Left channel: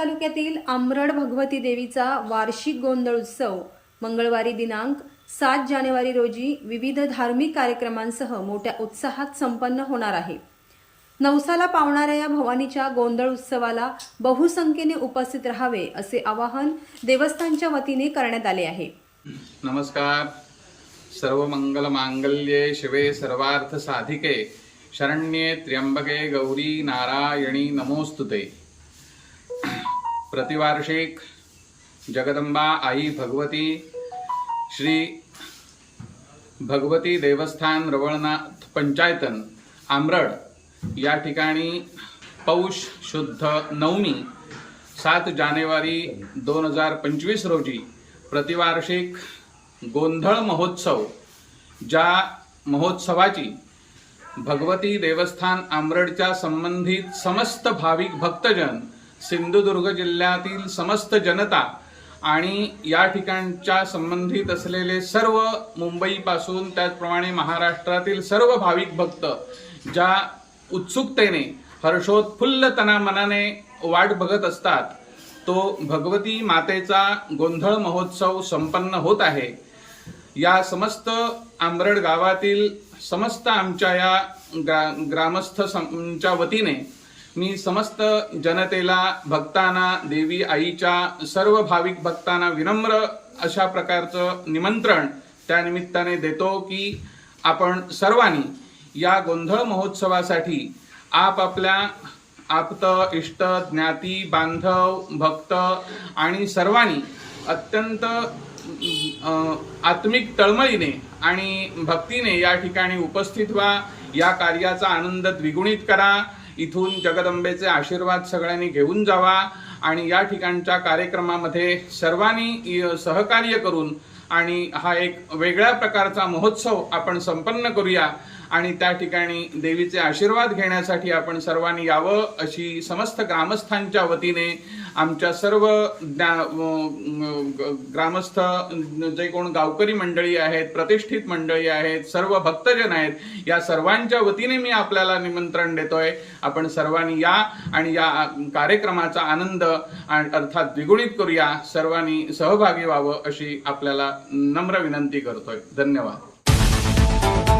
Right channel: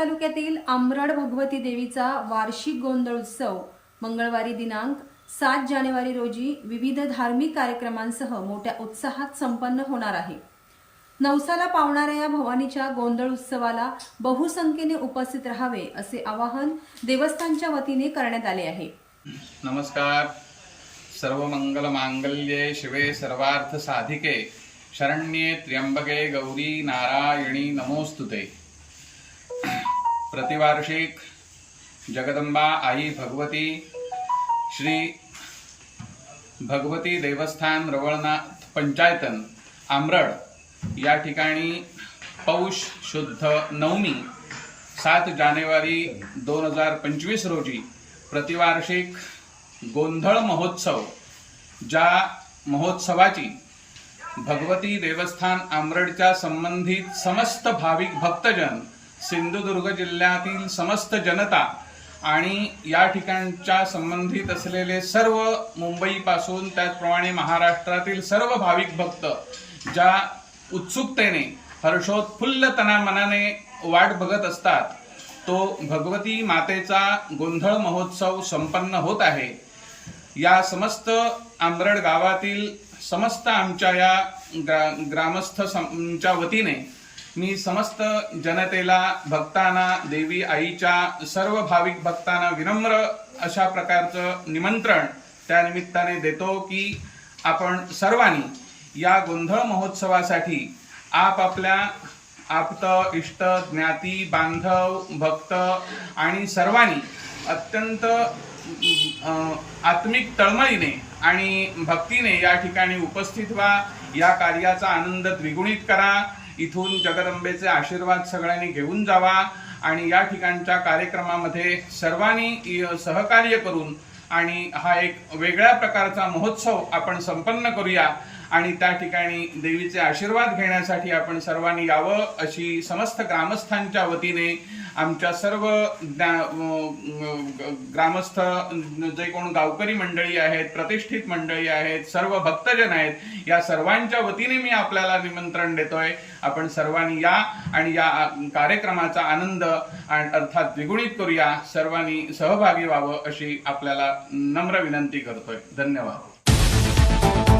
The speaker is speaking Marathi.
तालुक्यातील आमरड भगवती देवीचा वार्षिक गोंधळ उत्सव मंगळवारी दिनांक सात जानेवारी रोजी विविध धार्मिक कार्यक्रमांसह मोठ्या उत्साहात संपन्न होणार आहे. नवसाला पावणाऱ्या या भवानीच्या गोंधळ उत्सवाला बहुसंख्येने उपस्थित राहावे असे आवाहन देवस्थानच्या वतीने करण्यात आले आहे. नमस्कार. सर्व मंगल मांगल्ये शिवे सर्वार्थ साधिके. शरण्ये त्र्यंबके गौरी नारायणी नमोस्तुते. प्रतिवार्षिक जगदंबा आई भगवती श्री भगवती देवस्थान रवळनाथ पंचायतन आमरड. या ठिकाणी पौष शुद्ध नवमी सात जानेवारी दोन हजार पंचवीस रोजी प्रतिवार्षिक गोंधळ महोत्सव ज्या महोत्सवाची भगवती देवस्थान आमरडच्या संबंधित समस्त भाविक भक्तजन सिंधुदुर्ग जिल्ह्यातील समस्त जनता आणि या ठिकाणच्या संबंधित असलेले सर्व मुंबईपासून त्याचप्रमाणे महाराष्ट्रातील सर्व भाविक भक्त ज्या उत्सुकतेने हर्षोत्फुल्लतना मनाने वाट बघत असतात तो भगवती मातेचा गोंधळ महोत्सव संपन्न होत आहे. या समस्त आंबरड गावातील समस्त आमच्या या ग्रा ग्रामस्थ वतीने मी समस्त जनतेला भक्तांना देवी आईच्या सर्व भाविक भक्तांना विनम्र अशा प्रकारचं निमंत्रण त्या निमित्ताने देतो की आपण सर्वांनी या गोंधळ महोत्सवासाठी आपापल्या आप्त इष्ट ज्ञाती बांधव भक्त आणि सर्वांनी अत्यंत आत्मिक तळमळीने आणि भक्तीने या ठिकाणी उपस्थित व्हा. या कार्याचा आनंद द्विगुणित करा. इथून जगदंबेचे आशीर्वाद सगळ्यांनी घेऊन जावा आणि या ठिकाणच्या कार्यक्रमामध्ये सर्वांनी सहकार्य करून आणि हा एक वेगळ्या प्रकारचा महोत्सव आपण संपन्न करूया. आणि त्या ठिकाणी देवीचे आशीर्वाद घेण्यासाठी आपण सर्वांनी यावं अशी समस्त ग्रामस्थांच्या वतीने आमच्या सर्व ग्रामस्थ जे कोण गावकरी मंडळी आहेत प्रतिष्ठित मंडळी आहेत सर्व भक्तजन आहेत या सर्वांच्या वतीने मी आपल्याला निमंत्रण देतोय. आपण सर्वांनी या आणि या कार्यक्रमाचा आनंद आणि अर्थात द्विगुणित करूया. सर्वांनी सहभागी व्हावं अशी आपल्याला नम्र विनंती करतोय. धन्यवाद.